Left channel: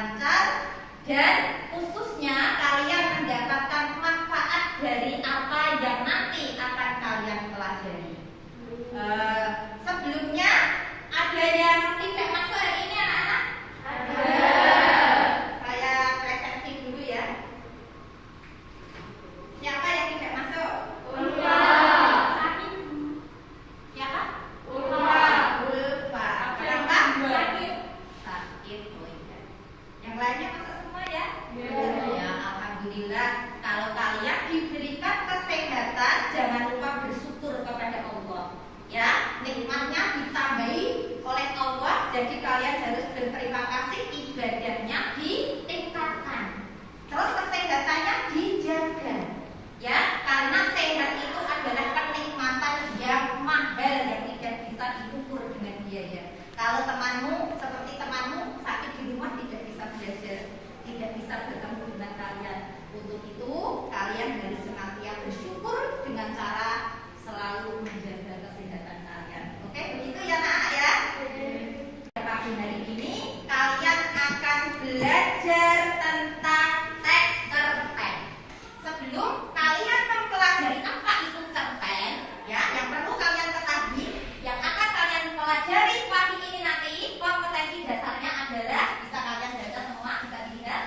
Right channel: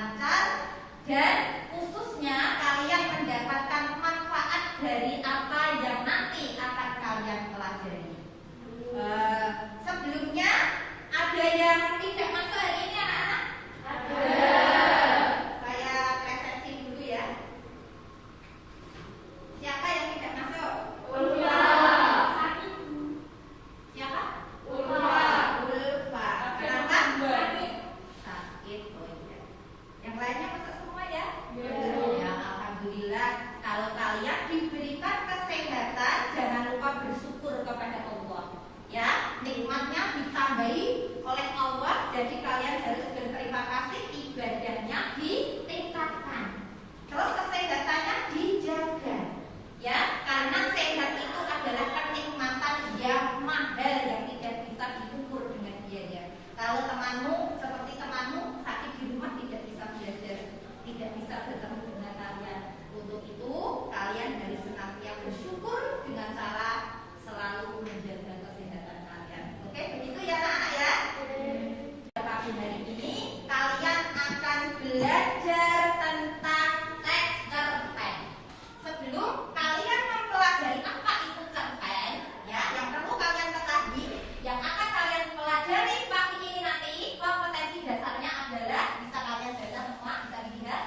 lancar, dan khususnya kalian mendapatkan manfaat dari apa yang nanti akan kalian pelajari. Sebelumnya ada yang tidak masuk hari ini anak-anak? Ada. Saya presentasi dulu ya. Siapa yang tidak masuk? Ulfa. Siapa? Ulfa. Kenapa? Sakit. Yang lainnya masuk semua ya? Ya, alhamdulillah. Kalau kalian diberikan kesehatan, jangan lupa bersyukur kepada Allah. Ya, nikmatnya ditambahi oleh Allah, jadi kalian harus berterima kasih, ibadahnya ditingkatkan. Terus kesehatannya dijaga. Ya, karena sehat itu adalah kenikmatan yang mahal yang tidak bisa diukur dengan biaya. Kalau seperti temanmu sakit di rumah tidak bisa belajar, tidak bisa bertemu dengan kalian. Untuk itu kalian harus senantiasa bersyukur dengan cara selalu menjaga kesehatan kalian. Oke, begitu ya anak-anak ya. Pagi hari ini kalian akan belajar tentang teks cerpen. Sebelum kalian mempelajari apa itu cerpen, ya, yang perlu kalian ketahui, yang akan kalian pelajari pagi ini nanti, kompetensi dasarnya adalah bisa kalian baca semua, bisa dilihat,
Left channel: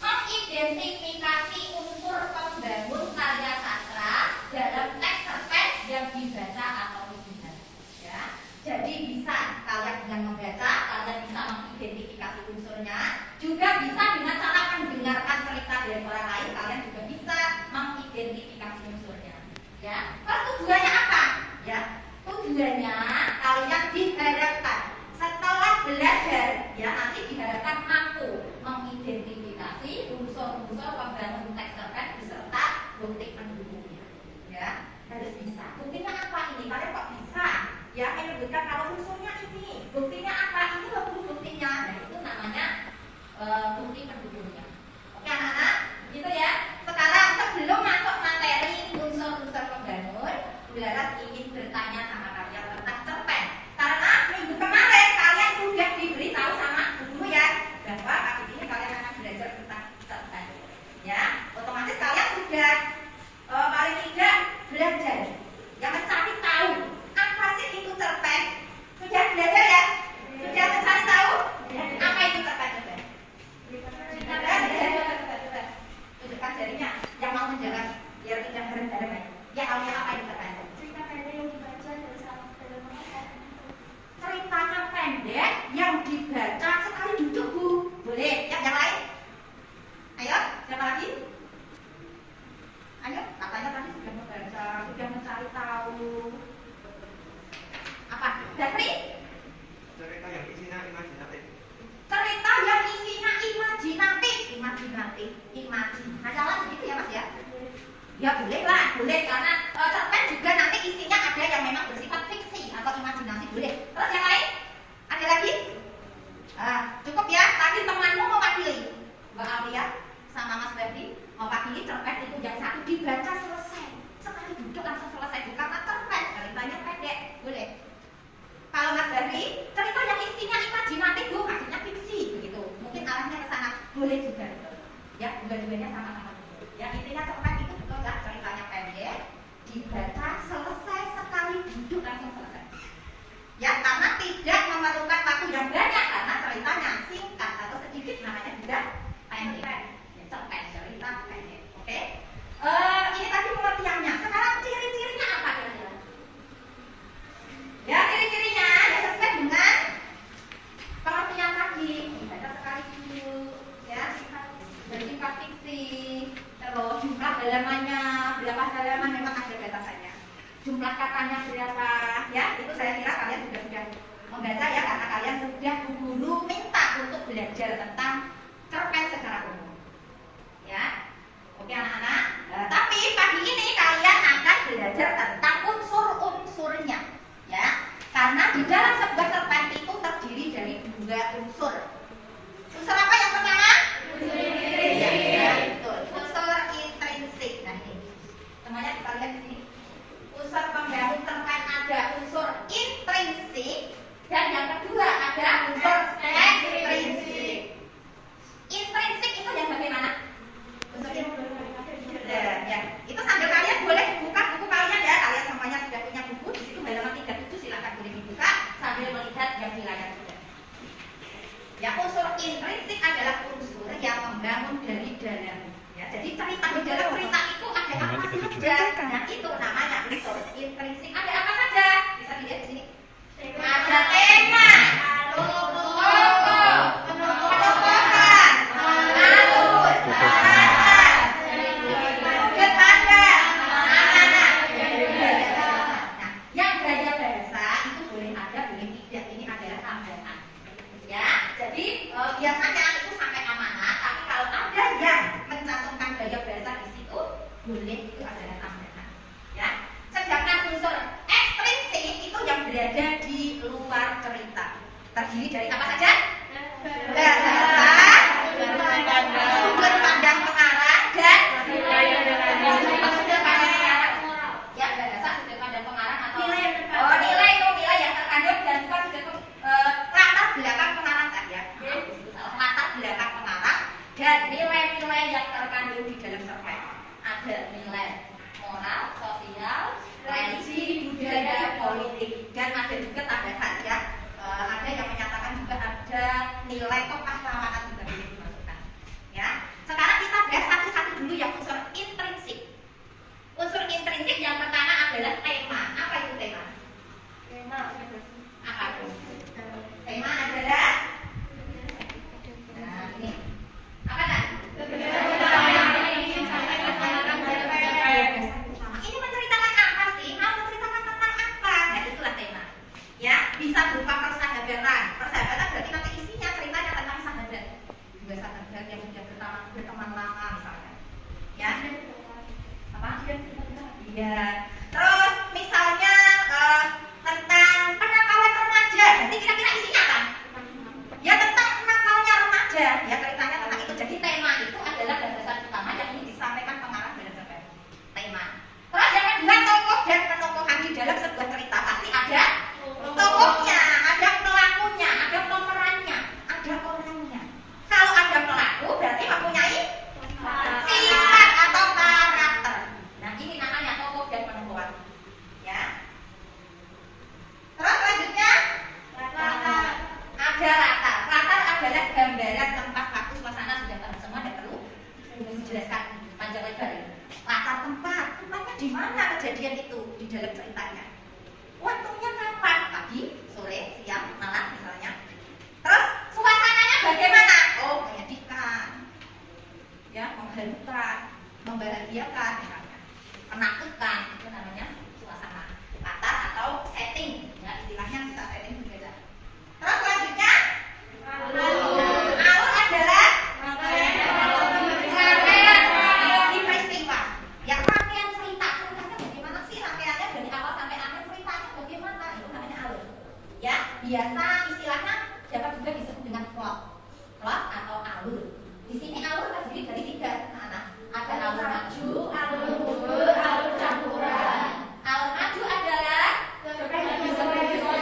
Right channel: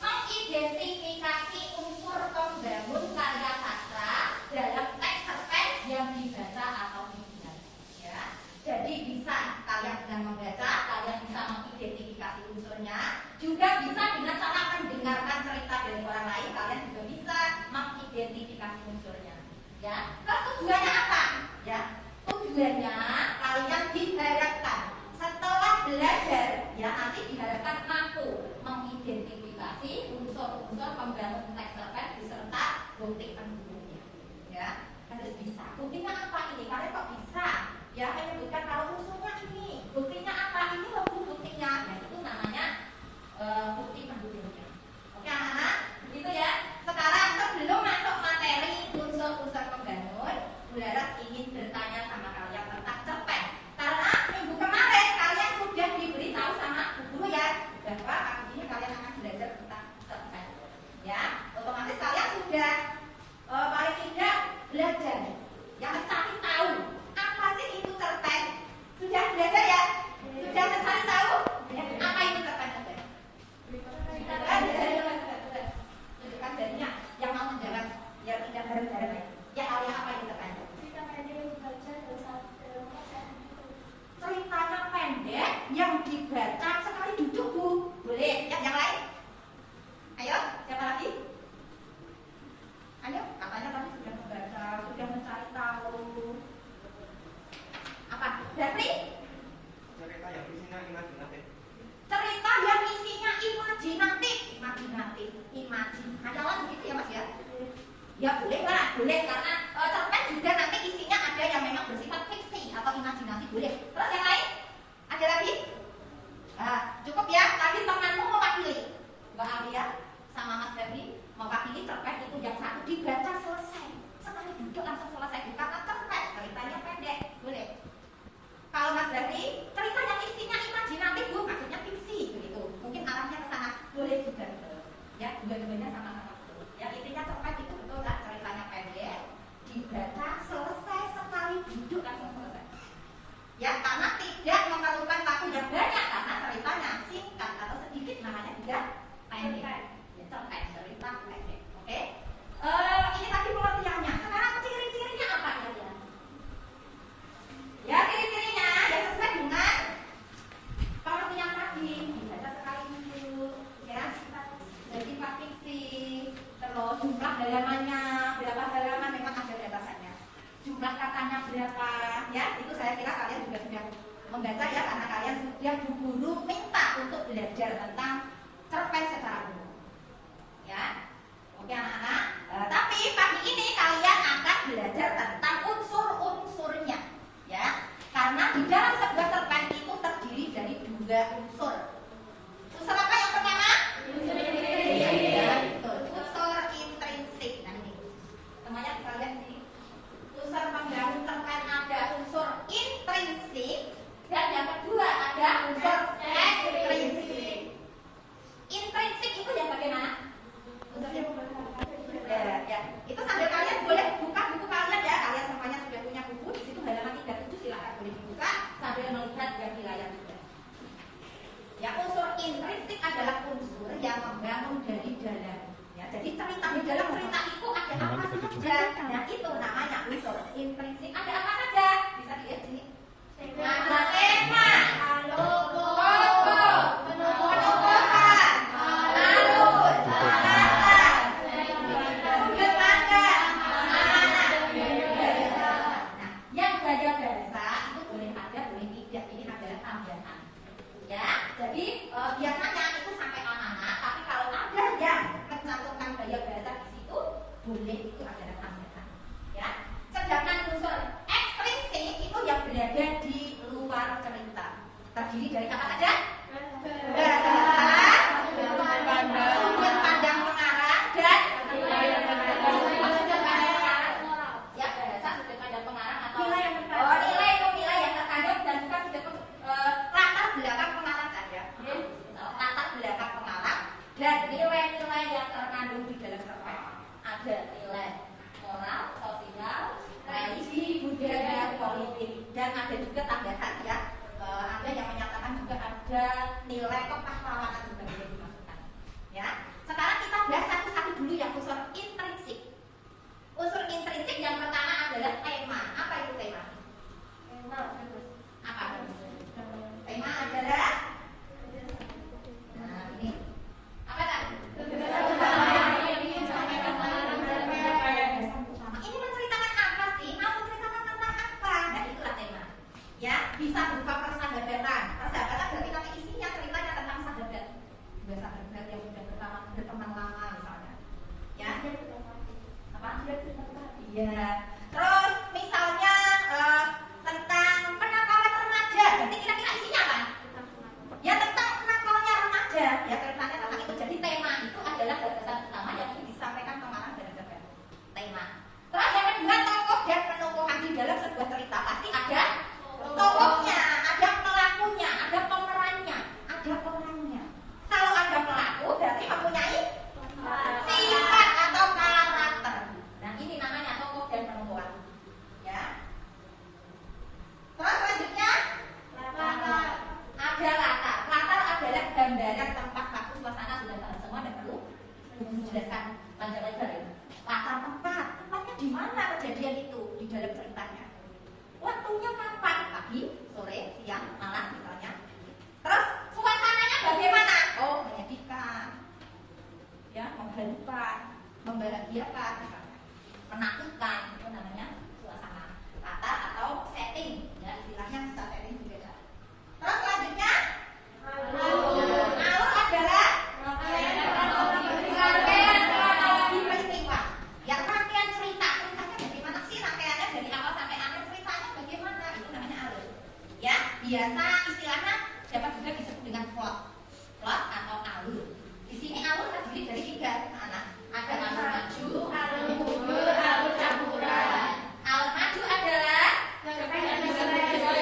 mengidentifikasi unsur pembangun karya sastra dalam teks cerpen yang dibaca atau tidak. Ya, jadi bisa kalian dengan membaca, kalian bisa mengidentifikasi unsurnya, juga bisa dengan cara mendengarkan cerita dari orang lain, kalian juga bisa mengidentifikasi unsurnya. Ya, terus tujuannya apa? Ya, tujuannya kalian diharapkan setelah belajar, ya nanti diharapkan mampu mengidentifikasi unsur-unsur pembangun teks cerpen beserta bukti pendukungnya. Ya, harus bisa. Buktinya apa ini? Kalian kok bisa? Ya, menyebutkan kalau unsurnya ini, buktinya apa? Ini loh buktinya. Nah, itu namanya bukti pendukungnya. Oke anak-anak, gitu ya. Sekarang sebelum masuk materi unsur-unsur pembangun, Bularas ingin bertanya sama kalian tentang cerpen. Karena minggu kemarin kalian sudah diberitahu sama guru ya, bahwa hari ini kalian akan belajar tentang cerpen. Ya, otomatis kalian sudah paling tidak belajar, yang mencari tahu apa sih itu cerpen. Sudah belajar ya? Sudah mencari tahu apa itu cerpen? Tunjukkan jarinya yang mau menjawab biar tidak bareng-bareng. Ya, apa itu cerpen? Cerita pendek yang dibaca dari satu dalam Ceritanya pendek yang dibaca sekali duduk, Bu. Boleh? Ya, yang lain? Ayo, siapa lagi? Ayo, katanya tadi sudah membaca, sudah mencari tahu. Apa? Zafri? Cerita yang isinya imajinatif. Cerita yang isinya imajinatif. Majalah begitu ya Mas ya? Ya boleh lah, boleh, karena cerpen juga nanti isinya ada yang memang bersifat fiksi atau imajinasi, boleh. Terus yang lain? Ada lagi? Cukup ya, tadi temanmu mewakili, Mbak Alia sama Mas Berdi mewakili cerpen itu yang satu dibaca selesai, sekali duduk langsung selesai, bukan cerpen, ceritanya pendek, boleh. Kalau Mas Berdi, cerita yang isinya imajinatif, Bu, maksudnya fiksi, begitu. Mungkin arahnya ke sana, boleh juga. Ya, dua-duanya sama-sama. Ya, intinya cerpen itu betul kan, ceritanya pendek, dibaca selesai sekali duduk langsung selesai. Ya, karena tidak memerlukan waktu yang banyak, karena ceritanya singkat atau sedikit, namanya juga pendek. Ya, cerpen, cerita pendek. Oke? Ini tadi pengertiannya. Sekarang ciri-cirinya apa kira-kira? Ya, ciri-cirinya ya sesuai dengan pengertian tadi. Dibaca sekali dulu, ya. Bersifat fiksi. Terus jumlah halamannya berapa halaman memang ada batasannya. Jumlah katanya berapa, ya? Itu saya kira kalian juga sudah membaca ya, karena kalian sudah guru minta untuk belajar tentang cerpen secara umum. Ya. Oke anak-anak. Tapi pagi ini kalian akan belajar tentang unsur-unsurnya. Ya, karena di dalam sebuah cerpen itu terdiri dari dua unsur. Unsur apa yang pertama? Unsur intrinsik. Ya, betul. Unsur intrinsik. Nanti temannya bisa lihat di sini. Unsur pembangun cerpen ada unsur intrinsik dan yang kedua ada unsur ekstrinsik. membahagiakan misalnya, menakutkan, itu namanya suasana kata atau setting. Ya, istilahnya bisa setting juga. Terus selanjutnya alur adalah rangkaian peristiwa. Ya, rangkaian cerita. Ceritanya bagaimana sih rangkaiannya dari awal sampai akhir, ceritanya bagaimana? Itu namanya alur. Ya, biasa istilahnya dapat juga disebut dengan plot atau alur. Di sini alur terdiri dari 3 mana? Ada alur maju, alur mundur, alur campuran. Alur maju adalah peristiwa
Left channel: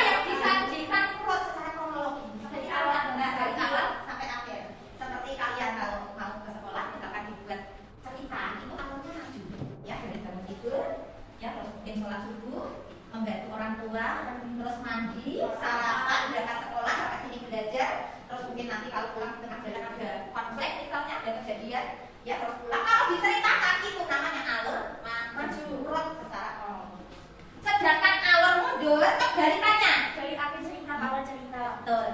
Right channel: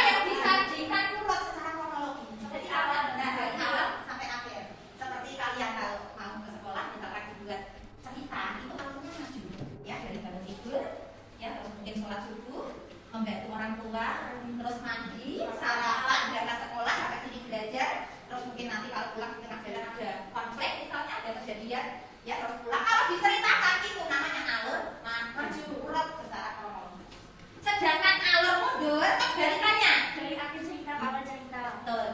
yang disajikan plot secara kronologis dari awal dari awal sampai akhir. Seperti kalian kalau mau ke sekolah misalkan dibuat cerita, itu alurnya maju. Ya, dari bangun tidur, ya, terus mungkin sholat subuh, membantu orang tua, terus mandi, sarapan, berangkat sekolah sampai sini belajar, terus mungkin nanti kalau pulang di tengah jalan ada konflik misalnya, ada kejadian, ya terus pulang. Kalau diceritakan itu namanya alur maju, urut secara kronologis. Sedangkan alur mundur kebalikannya, Dari akhir cerita ke awal cerita.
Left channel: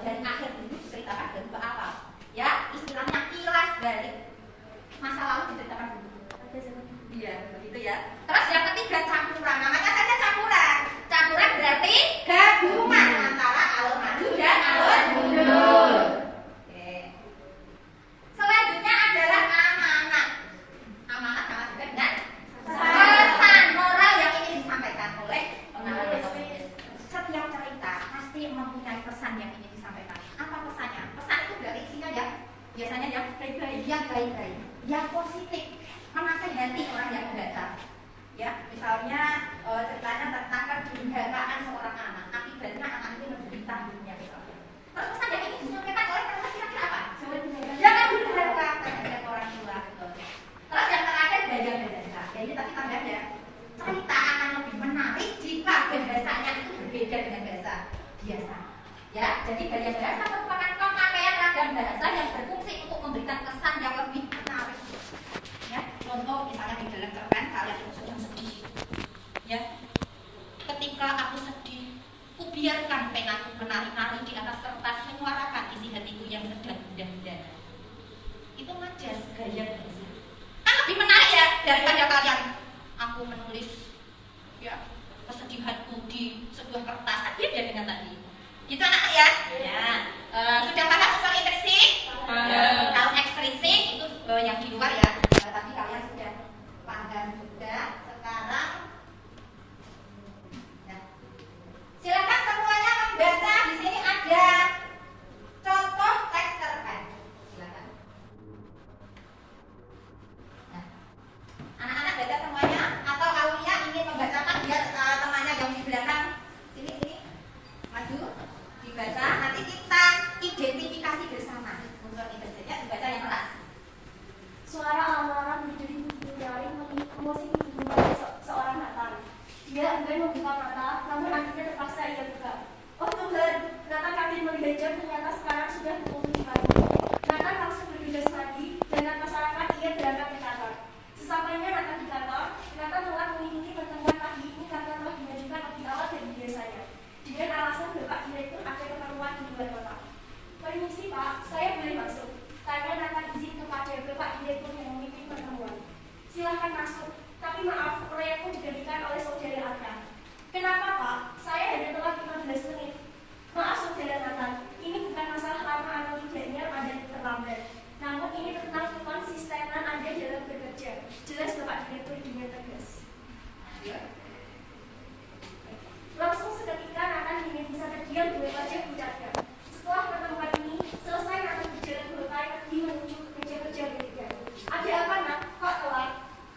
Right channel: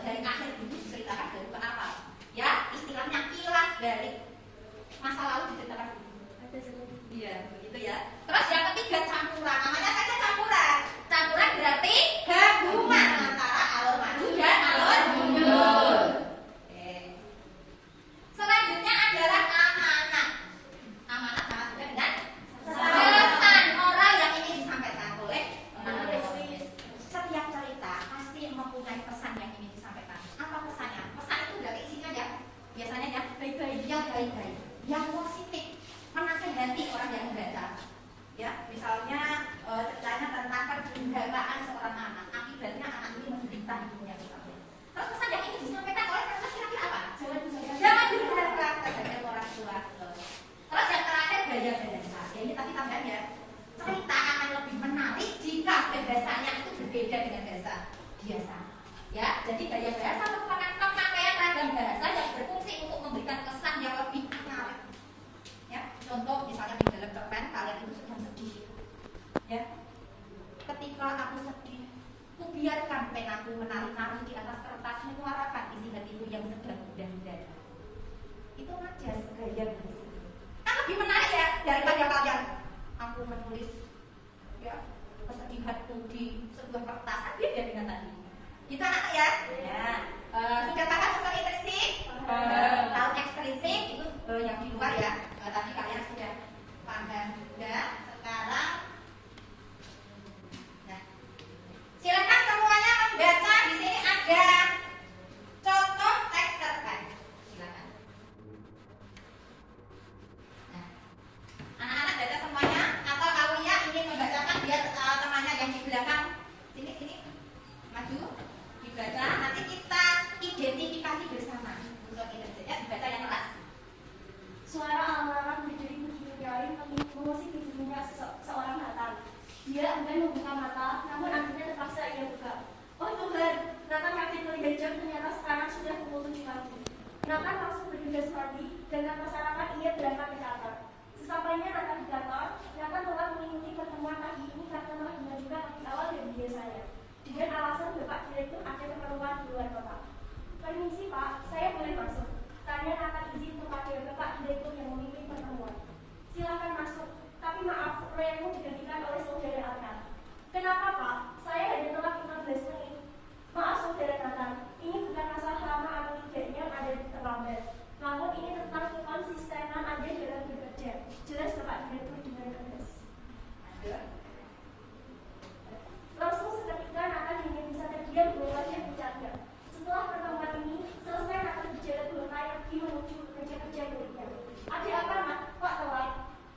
dari akhir itu diceritakan dari ke awal. Ya, istilahnya kilas balik masa lalu diceritakan dulu. Iya, begitu ya. Terus yang ketiga campuran, namanya saja campuran. Campuran berarti gabungan antara alur maju dan alur mundur. Oke. Selanjutnya adalah amanat. Amanat sama juga dengan pesan moral yang ingin disampaikan oleh penulis. Setiap cerita pasti mempunyai pesan yang ingin disampaikan. Apa pesannya? Pesan itu enggak isinya ya. Biasanya yang baik-baik, yang positif, menasihati orang yang membaca. Ya, misalnya ceritanya tentang kedurhakaan seorang anak, akibatnya anak ini menderita hidupnya misalnya. Terus pesan yang ingin disampaikan oleh penulis kira-kira apa? Jangan durhaka terhadap orang tua. Terus yang terakhir gaya bahasa. Ya ini tadi tambahan ya. Cerita akan lebih menarik jika bahasanya itu berbeda dengan bahasa biasa. Ya, jadi gaya bahasa merupakan pemakaian ragam bahasa yang berfungsi untuk memberikan kesan yang lebih menarik. Ya, contoh misalnya di dalam cerpen kalian itu sedang sedih. Ya, ketika aku sedih, kubiarkan penaku menari-nari di atas kertas menyuarakan isi hatiku yang sedang gundah-gundah. Itu majas gaya bahasa. Kan lebih menarik ya daripada kalian aku menulis ya kesedihanku di sebuah kertas. Kan beda dengan tadi. Gitu anak ya? Ya. Sudah paham unsur intrinsik? Kalau ekstrinsik itu yang di luar ya. Tadi kalian sudah paham juga. Sekarang ya. Silakan semuanya membaca. Di sini ada contoh teks cerpen. Silakan. Nah, anak-anak baca semuanya atau Aulia ingin membacakan dia temannya yang di belakang sini maju dibaca, nanti kita identifikasi bersama unsur identitasnya, dibaca yang keras. Suara alarm di dinding emosi seorang Nathan. Dia enggan membuka mata, namun akhirnya terpaksa ia buka. Oh Tuhan, Nathan kaget melihat jam, ternyata sekarang sudah pukul 7 pagi. Nathan langsung bergegas lagi, dengan masyarakat ia berangkat di kantor. Sesampainya Nathan di kantor, Nathan telah mengikuti pertemuan pagi ini karena telah dimajukan lebih awal dari biasanya. Dengan alasan Bapak Direktur ada keperluan di luar kota. Permisi Pak, saya boleh masuk? Tanya Nathan izin kepada Bapak Direktur yang memimpin pertemuan. Silahkan masuk, tapi maaf, proyekmu didirikan oleh saudara Anda. Kenapa Pak? Saya hanya telah 15 menit. Maaf saudara Nathan, ini bukan masalah lama atau tidaknya Anda terlambat. Namun ini tentang konsistenan Anda dalam bekerja. Jelas Bapak Direktur dengan tegas. Langsung seketika Nathan ingin bisa terdiam dua wajah puncaknya. Setelah pertemuan ini selesai, Nathan berjalan berkali pergi menuju kerja-kerja berikutnya. Ada apa nak? Kok telat?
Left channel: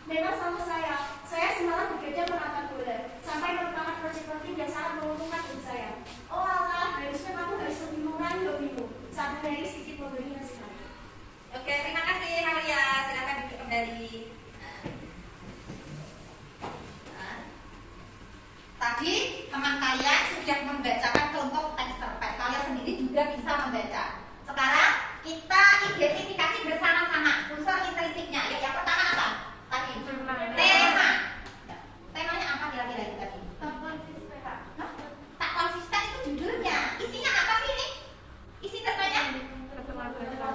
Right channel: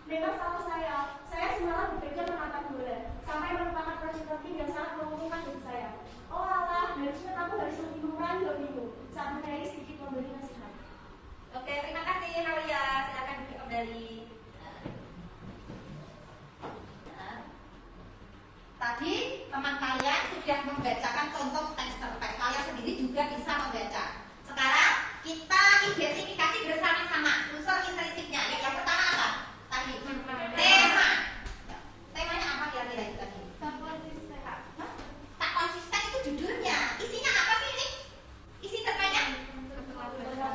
Memang salah saya. Saya semalam bekerja menatap bulan. Sampai merupakan proyek penting dan sangat menguntungkan bagi saya. Oh Allah, harusnya kamu harus lebih mengurangi hobimu. Saat dari sedikit memberi nasihat. Oke, terima kasih Aulia. Silakan duduk kembali. Tadi teman kalian sudah membacakan contoh teks cerpen. Kalian sendiri juga bisa membaca. Sekarang kita identifikasi bersama-sama unsur intrinsiknya. Ya, yang pertama apa? Tadi tema. Temanya apa kira-kira itu tadi? Tak konsisten itu judulnya. Isinya apa sih ini? Isi cerpennya?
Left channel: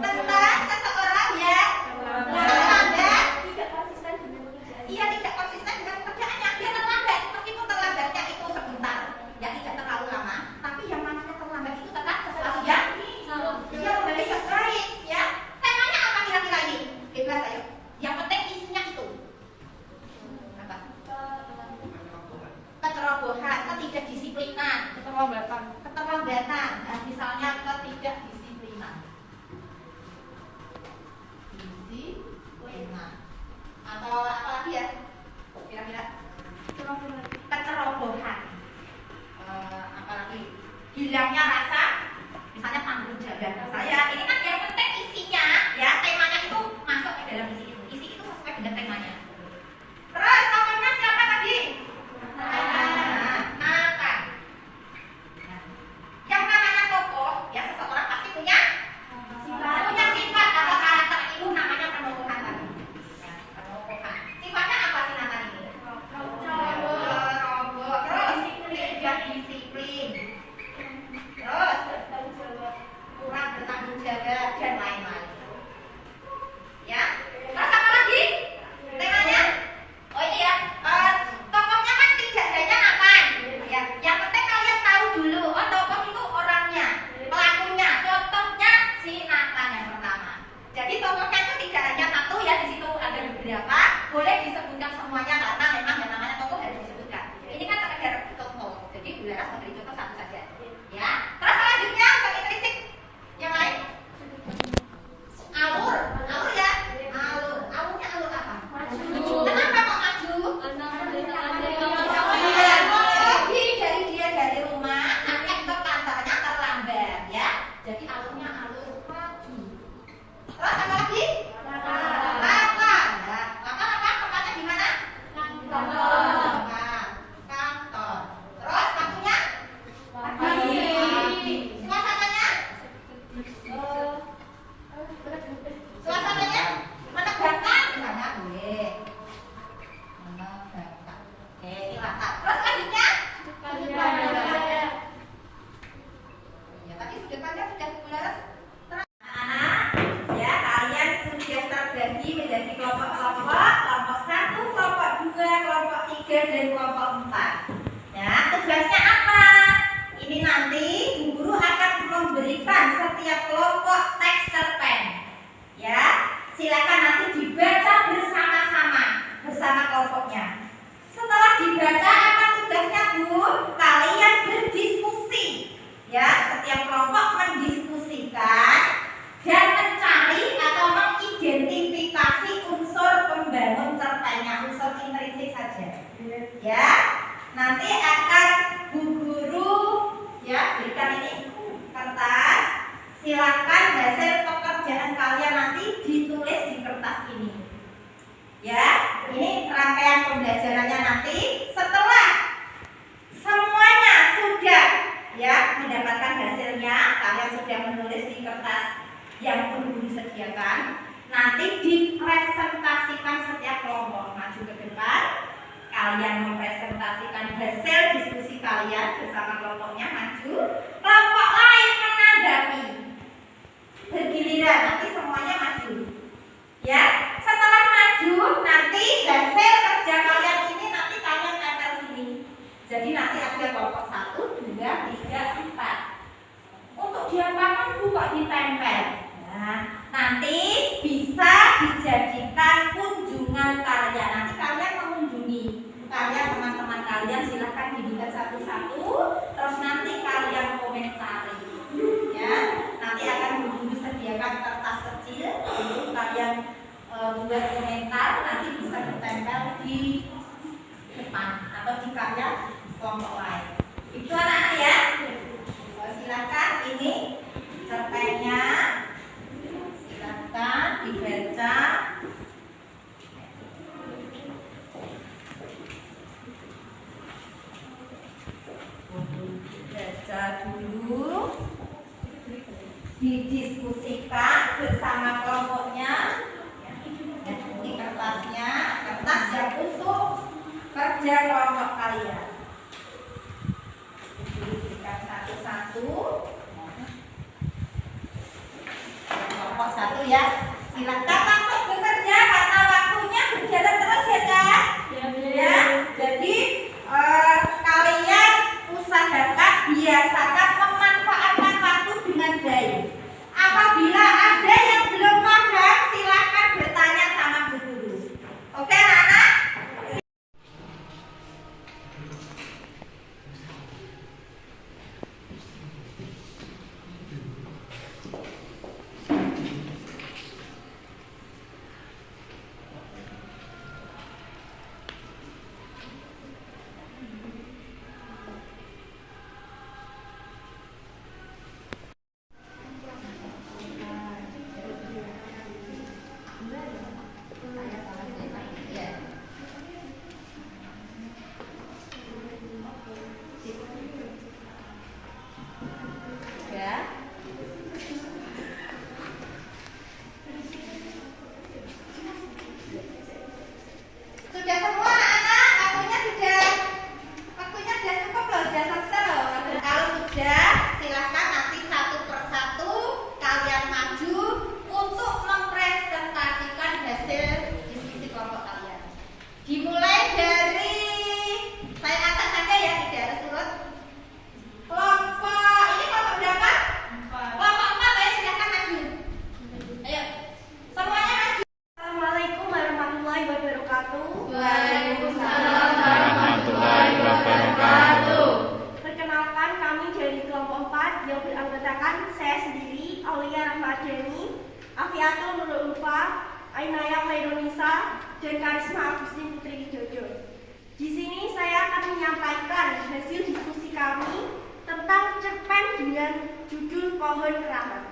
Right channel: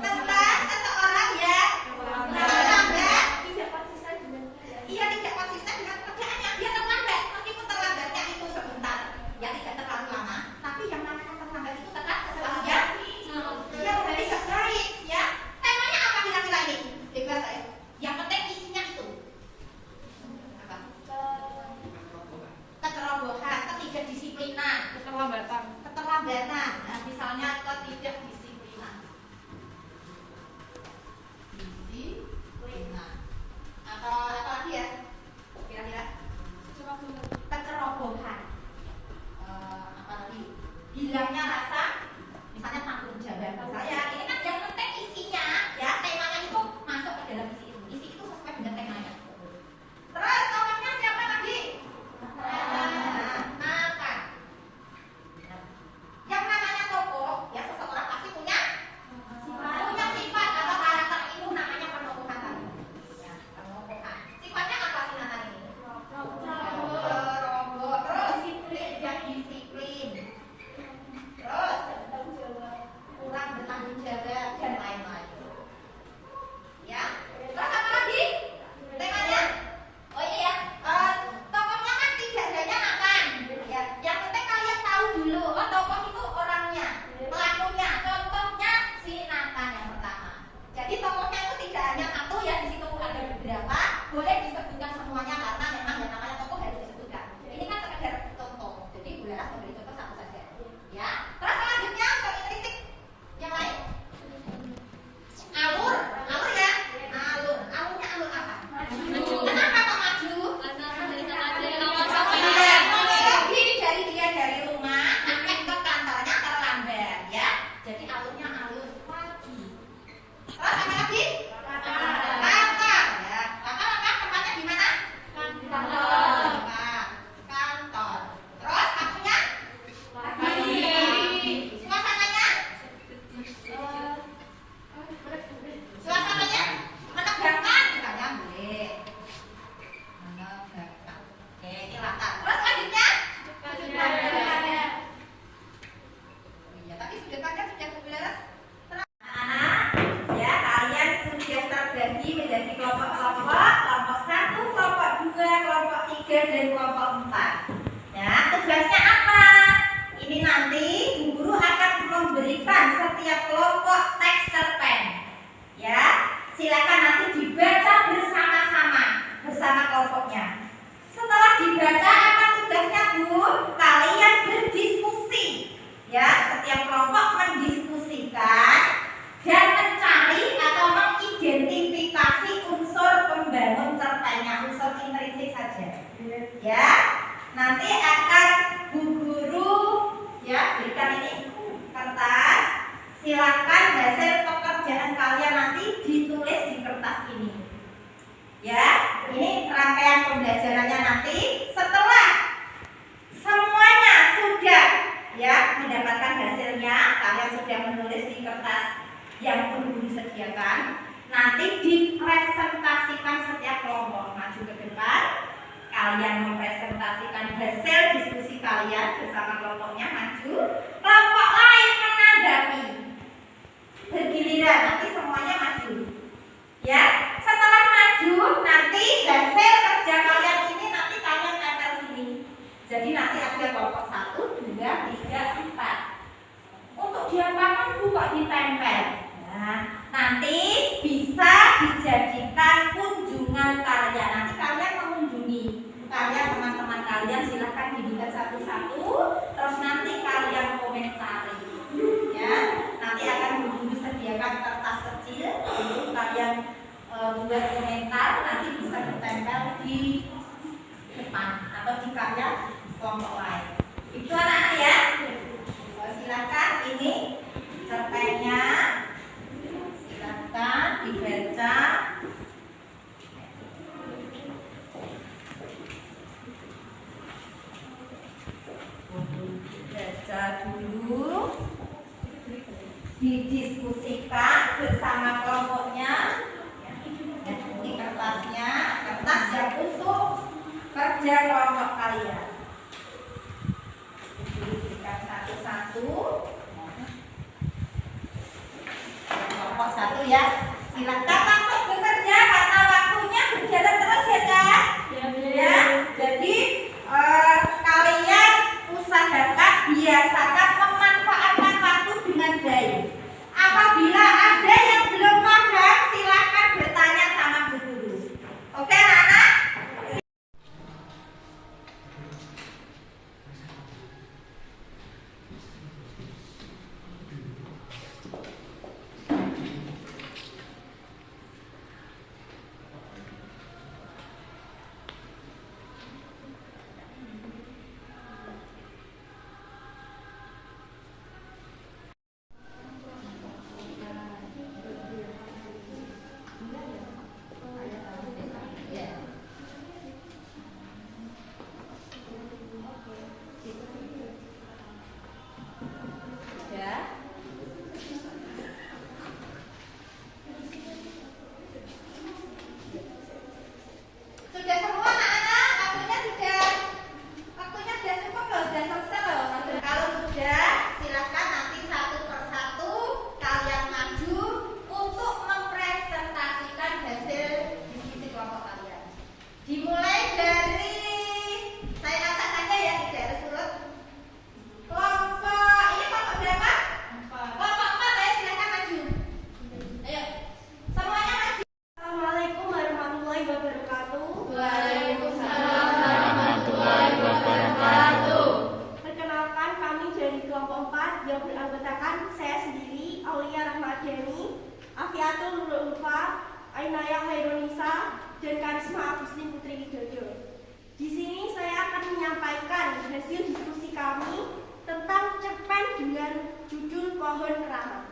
Tentang seseorang yang data saya. Ini kan yang penting isinya, ya temanya itu masuk ke dalam isi itu. Isi itu sesuai dengan temanya. Terus tokohnya siapa tadi? Nathan. Yang namanya tokoh, ya seseorang pasti punya sifat atau karakter, itu namanya penokohan tadi. Ya, penokohan. Sifatnya apa sih Nathan ini? Terus tidak disiplin. Terus kurang bertanggung jawab dan lain-lain. Ya, terus apa lagi? Temanya? Oh iya, tokohnya kan tidak hanya Nathan. Ya, yang penting kalian tahu dulu. Oh, tokoh itu orangnya, pelakunya. Contohnya si Nathan yang pertama. Jadi tokohnya itu tidak hanya satu ya, di situ ada beberapa. Boleh disebutkan semuanya karena memang yang namanya tokoh harus disebutkan. Ini kan sekedar contoh. Jadi Bu Laras memberi contoh satu saja. Ya. Terus selanjutnya untuk intrinsik yang lain. Alur ya. Alurnya alur apa? Kenapa kok maju? Dari rumah sampai ke kantornya terlambat ya. Jadi alurnya alur maju. Terus apa lagi? Kantor ya. Tempatnya di mana? Kantor. Terus waktunya? Suasananya menegangkan misalnya boleh. Menegangkan. Oke, ini latar. Terus selanjutnya? Ya, tadi sudah pada sudah Laras. Ya, kalian sudah terbagi menjadi kelompok-kelompok, kelompok 1, kelompok 2, kelompok 3, dan kelompok 4. Ya, tugasnya apa? Ini nanti Bu Guru akan memberikan setiap kelompok teks cerpen. Ya, silakan nanti dibaca bersama-sama bersama kelompoknya. Setelah dibaca apa tugasnya Bu? Kalian berdiskusi. Ya, setiap kelompok mendiskusikan dan mencari atau mengidentifikasi unsur pembangun cerpennya, unsur intrinsik saja. Ya, nanti akan Bu Guru ya berikan ini kertas. Silakan hasil pekerjaan kalian nanti ditulis di kertas ini. Ya, ini rangkaian pembelajarannya nanti. Setelah semuanya sudah ya mendapatkan hasilnya, kalian sudah menulis di kertas yang Bu Guru sediakan. Nanti dipresentasikan setiap kelompok maju ke depan. Kalian mempresentasikan hasil diskusi kalian bersama kelompoknya maju. Kelompok lain menanggapi. Bergiliran nanti semuanya maju. Ya, setelah maju nanti hasil kerja kalian ini nanti kalian tempel sini. Jadi nanti ada kelompok 1, 2, 3, 4. Untuk diapakan Bu kok ditempel? Nah, nanti bisa dijadikan kunjungan karya. Nanti kalian mengunjungi teman-teman kalian, silahkan dilihat satu-satu. Terus nanti kalian komentari. Ya, nanti akan Bu Guru sediakan kertas kecil untuk kalian buat komentar. Nanti bisa ditempel di depan atau di karya kelompok lain. Itu anak-anak ya. Silakan ini cerpennya. Silakan dibaca. Baca dulu, didiskusikan bersama kelompoknya. Ini kertasnya, kertas yang untuk kerja kelompok kalian. Diberikan satu-satu. Kelompok 1 ya. Silakan langsung bekerja karena waktunya berjalan terus ya Kak. Ya. Jadi kalian usahakan biasakan memanfaatkan waktu dengan baik. Apabila ada yang belum paham, silakan bertanya sama Bu Guru. Oke anak-anak? Syifatul Nurul Ulfa, Ainaya Khairunisa, dan Karisma Agustin Putri Widodo. Di sini saya akan menyampaikan hasil diskusi kami tentang cerpen dengan judul Pohon Keramat.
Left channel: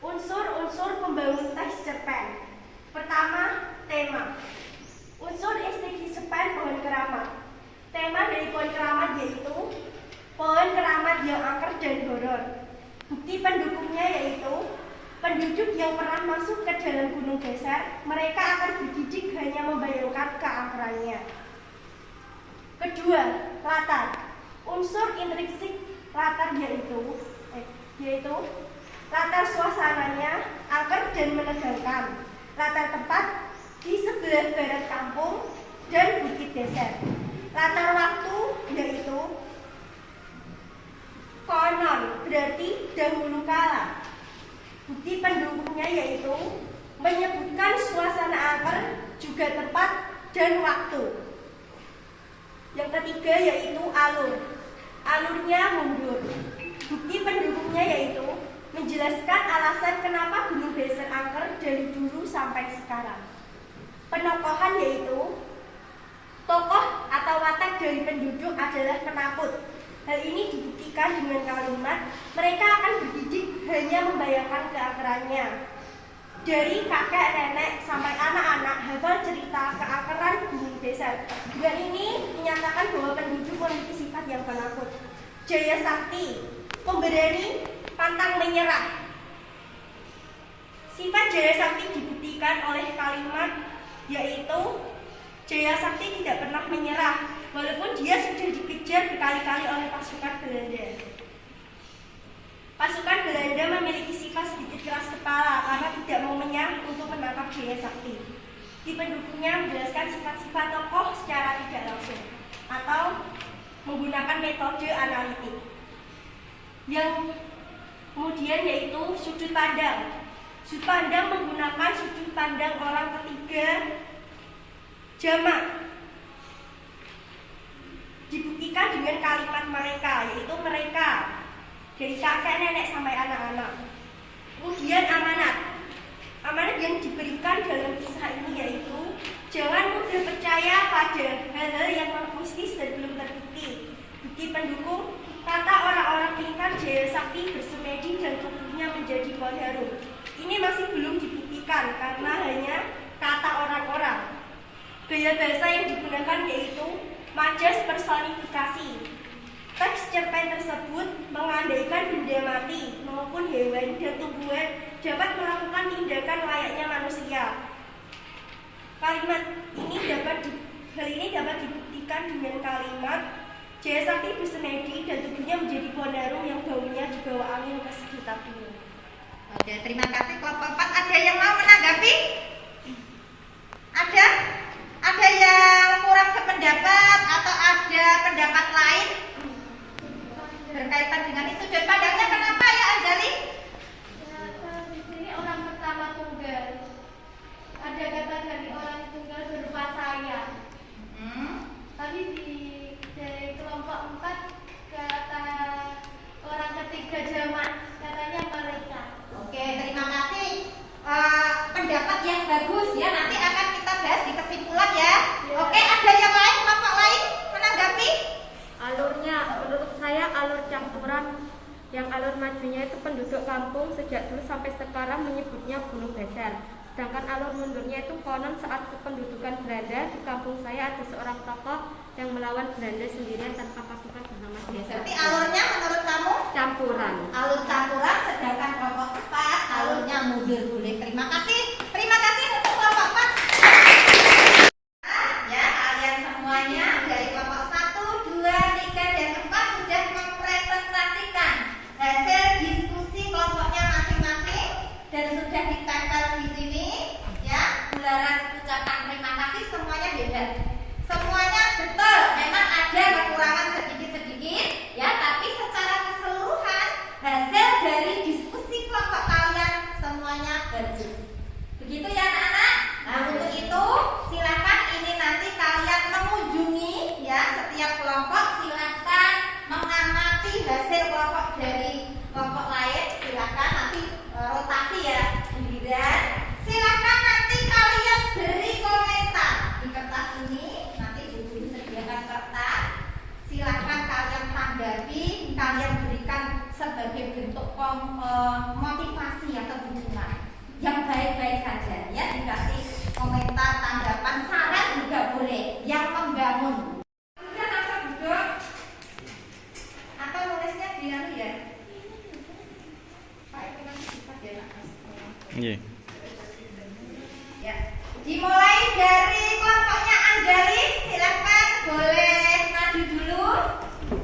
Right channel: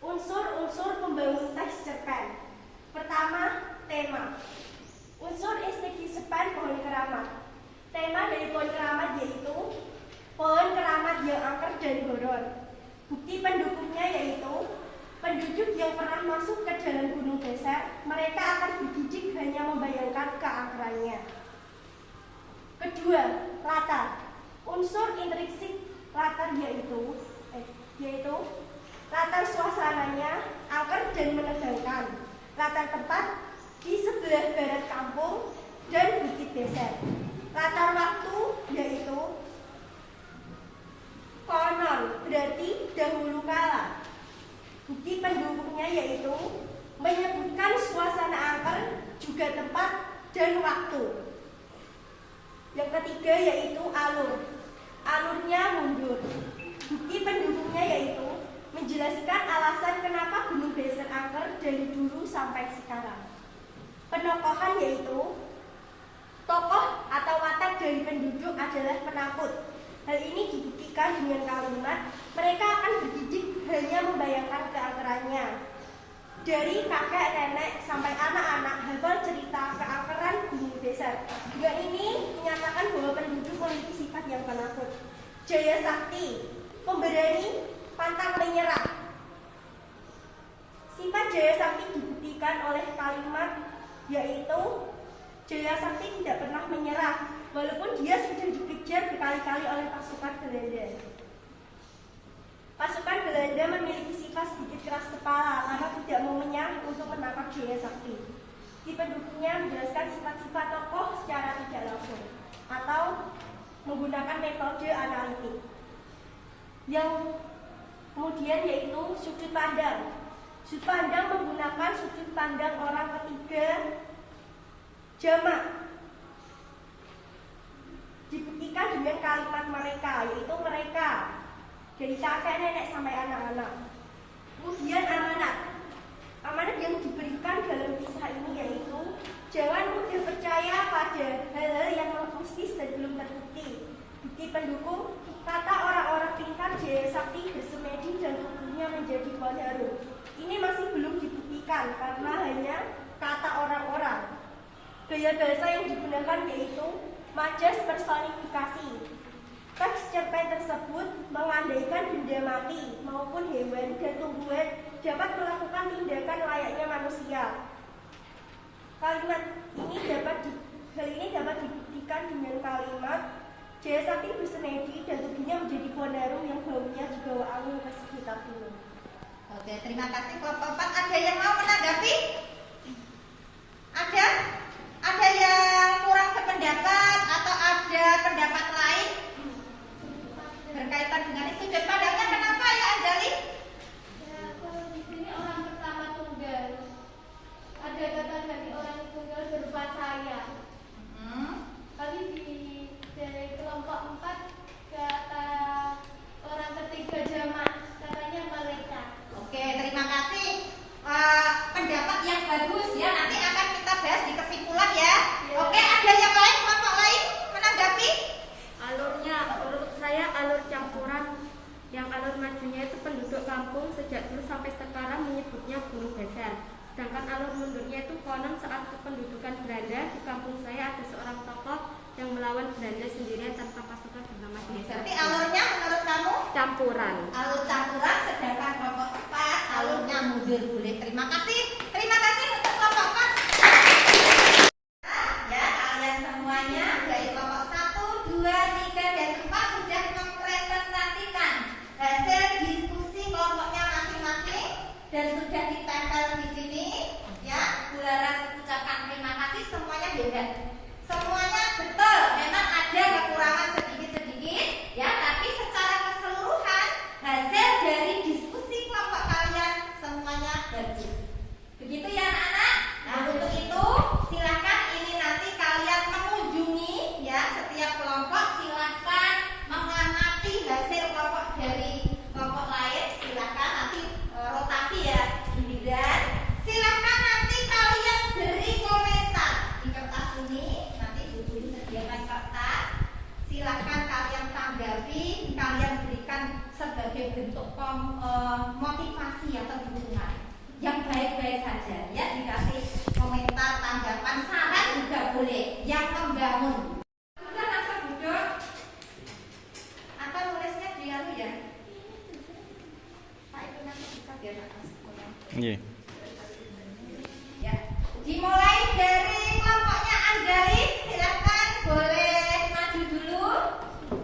Unsur-unsur pembangun teks cerpen. Pertama, tema. Unsur estetik cerpen Pohon Keramat. Tema dari Pohon Keramat yaitu pohon keramat yang angker dan horor. Bukti pendukungnya yaitu penduduk yang pernah masuk ke dalam gunung geser, mereka akan bergidik hanya membayangkan keangkerannya. Kedua, latar. Unsur intrinsik latar yaitu latar suasananya angker dan menegangkan. Latar tempat di sebelah barat kampung dan bukit geser. Latar waktu yaitu konon, berarti dahulu kala. Bukti pendukungnya yaitu menyebutkan suasana angker, juga tempat dan waktu. Yang ketiga yaitu alur. Alurnya mundur. Bukti pendukungnya yaitu menjelaskan alasan kenapa Gunung Beser angker dari dulu sampai sekarang. Penokohan yaitu tokoh atau watak dari penduduk adalah penakut. Hal ini dibuktikan dengan kalimat mereka akan bergidik hanya membayangkan keangkerannya. Dari kakek, nenek, sampai anak-anak hafal cerita keangkeran Gunung Beser. Dengan ini menyatakan bahwa penduduk memiliki sifat yang penakut. Jaya sakti, pemberani, pantang menyerah. Sifat jaya sakti dibuktikan oleh kalimat yaitu Jaya sakti tidak pernah menyerah walaupun dia sudah dikejar berkali-kali oleh pasukan Belanda. Pasukan Belanda memiliki sifat sedikit keras kepala karena tidak mau menyerah untuk menangkap Jaya sakti. Di pendukungnya menjelaskan sifat-sifat tokoh secara tidak langsung atau menggunakan metode analitik. Yang kemudian yaitu sudut pandang. Sudut pandang menggunakan sudut pandang orang ketiga jamak. Dibuktikan dengan kalimat mereka, yaitu mereka dari kakek nenek sampai anak-anak. Kemudian amanat. Amanat yang diberikan dalam kisah ini yaitu jangan mudah percaya pada hal-hal yang mistis dan belum terbukti. Bukti pendukung, kata orang-orang pintar Jaya sakti bersemedi dan tubuhnya menjadi pohon harum. Ini masih belum dibuktikan karena hanya kata orang-orang. Gaya bahasa yang digunakan yaitu majas personifikasi. Teks cerpen tersebut mengandaikan benda mati maupun hewan dan tumbuhan dapat melakukan tindakan layaknya manusia. Hal ini dapat dibuktikan dengan kalimat Jaya sakti bersemedi dan tubuhnya menjadi pohon harum yang baunya dibawa angin ke sekitar dunia. Oke, terima kasih kelompok 4. Ada yang mau menanggapi? Ada? Ada yang kurang sependapat atau ada pendapat lain berkaitan dengan itu? Sudut pandangnya kenapa ya Anjali? Ya, di sini orang pertama tunggal. Ada kata dari orang tunggal berupa saya. Tapi dari kelompok 4 kata orang ketiga jamak, katanya mereka. Oke, terima kasih. Pendapat yang bagus ya, nanti akan kita bahas di kesimpulan ya. Oke, ada yang lain, kelompok lain menanggapi? Alurnya, menurut saya alur campuran. Yang alur majunya itu penduduk kampung sejak dulu sampai sekarang menyebutnya Gunung Beser. Sedangkan alur mundurnya itu konon saat kependudukan Belanda di kampung saya ada seorang tokoh yang melawan Belanda sendirian tanpa pasukan bernama Jaya Jadi sakti. alurnya menurut kamu? Campuran. Alur campuran, sedangkan kelompok 4 alurnya mundur boleh. Terima kasih untuk kelompok 4. Ya, kalian semuanya dari kelompok 1, 2, 3, dan 4 sudah mempresentasikan hasil diskusi kelompoknya masing-masing dan sudah ditempel di sini. Ya, bularan ucapan terima kasih semuanya beda. Semuanya betul, memang ada kekurangan sedikit-sedikit ya, tapi secara keseluruhan hasil dari diskusi kelompok kalian semuanya bagus. Begitu ya anak-anak. Nah, untuk itu silakan ini nanti kalian mengunjungi ya setiap kelompok, silakan mengamati hasil kelompok dari kelompok lain, silakan nanti rotasi ya giliran motivasi atau dukungan yang baik-baik saja ya, dikasih komentar, tanggapan, saran juga boleh yang membangun. Kita langsung duduk atau nulisnya dia ya. Nah, itu nanti kita biar Nggih. ya. Dimulai dari kelompoknya Anjali, silakan boleh maju dulu.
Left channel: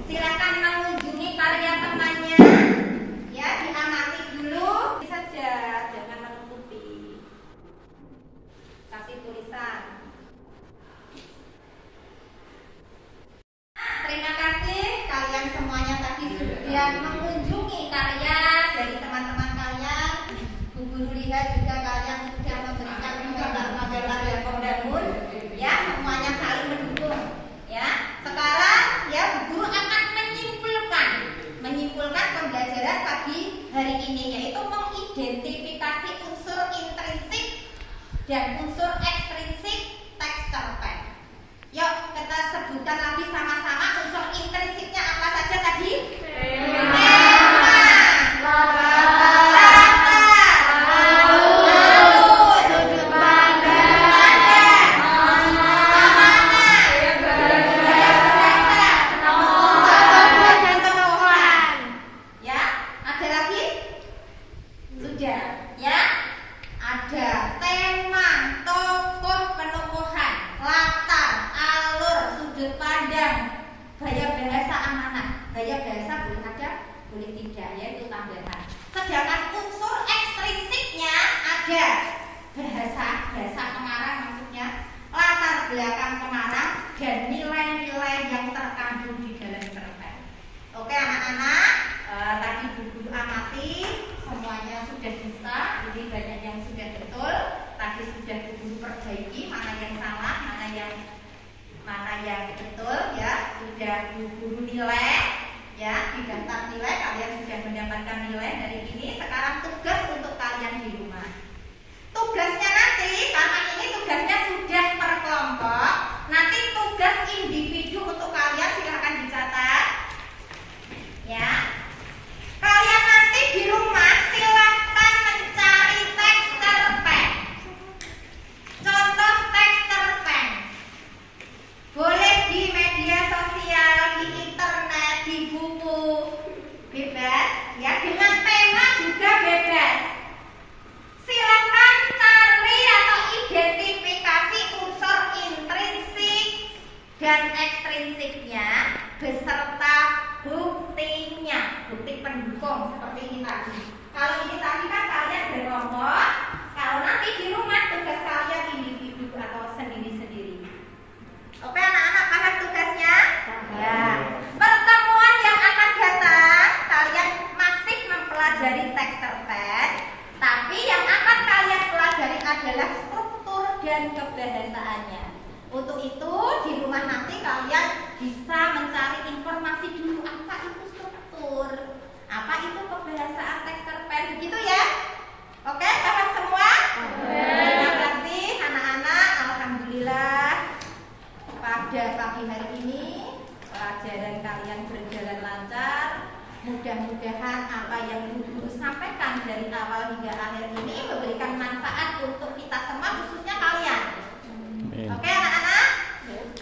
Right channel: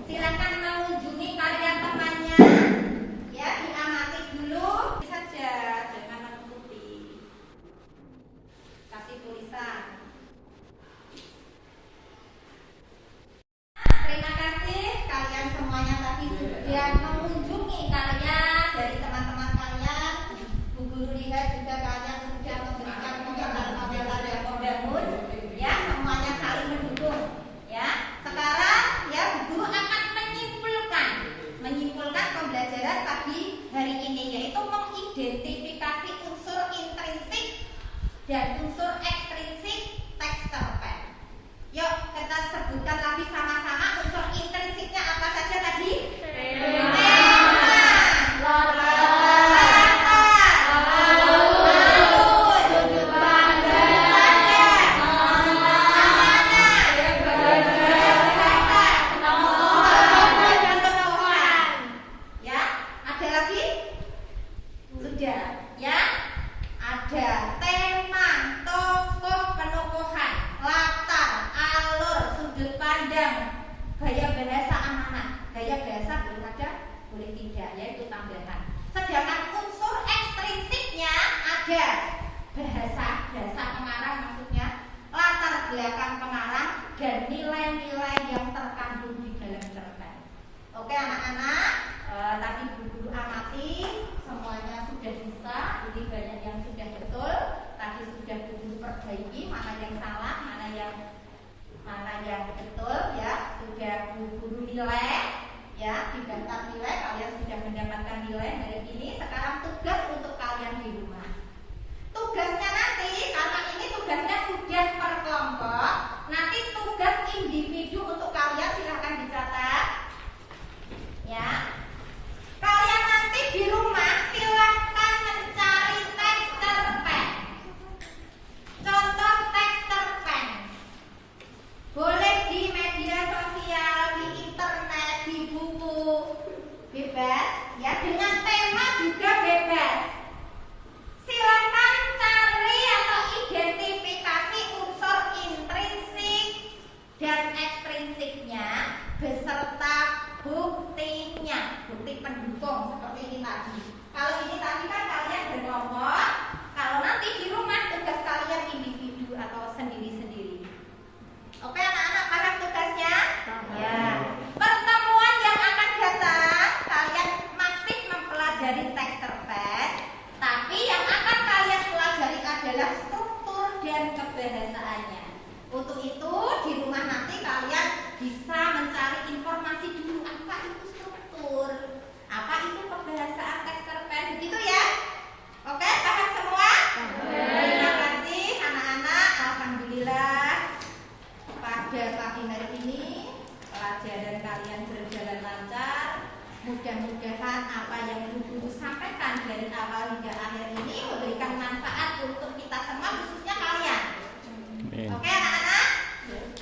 Silakan mengunjungi karya temannya. Ya, diamati dulu saja, jangan menutupi. Kasih tulisan. Terima kasih kalian semuanya tadi sudah mengunjungi karya dari teman-teman kalian. Bu Guru lihat juga kalian sudah memberikan komentar-komentar yang membangun. Ya, semuanya saling mendukung. Ya, sekarang ya Bu Guru akan menyimpulkan pembelajaran pagi hari ini, yaitu mengidentifikasi unsur intrinsik dan unsur ekstrinsik teks cerpen. Yuk kita sebutkan lagi sama-sama unsur intrinsiknya apa saja tadi? Mudah-mudahan apa yang Guru sampaikan dari awal hingga akhir ini memberikan manfaat untuk kita semua, khususnya kalian. Amin. Oke anak-anak?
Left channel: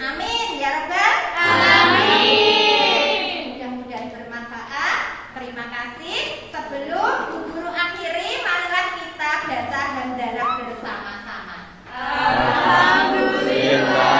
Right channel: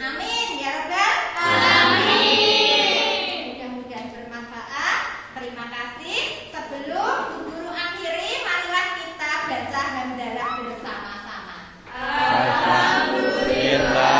Amin ya Rabbal Alamin. Mudah-mudahan bermanfaat. Terima kasih. Sebelum Guru akhiri, marilah kita baca hamdalah bersama-sama. Alhamdulillah.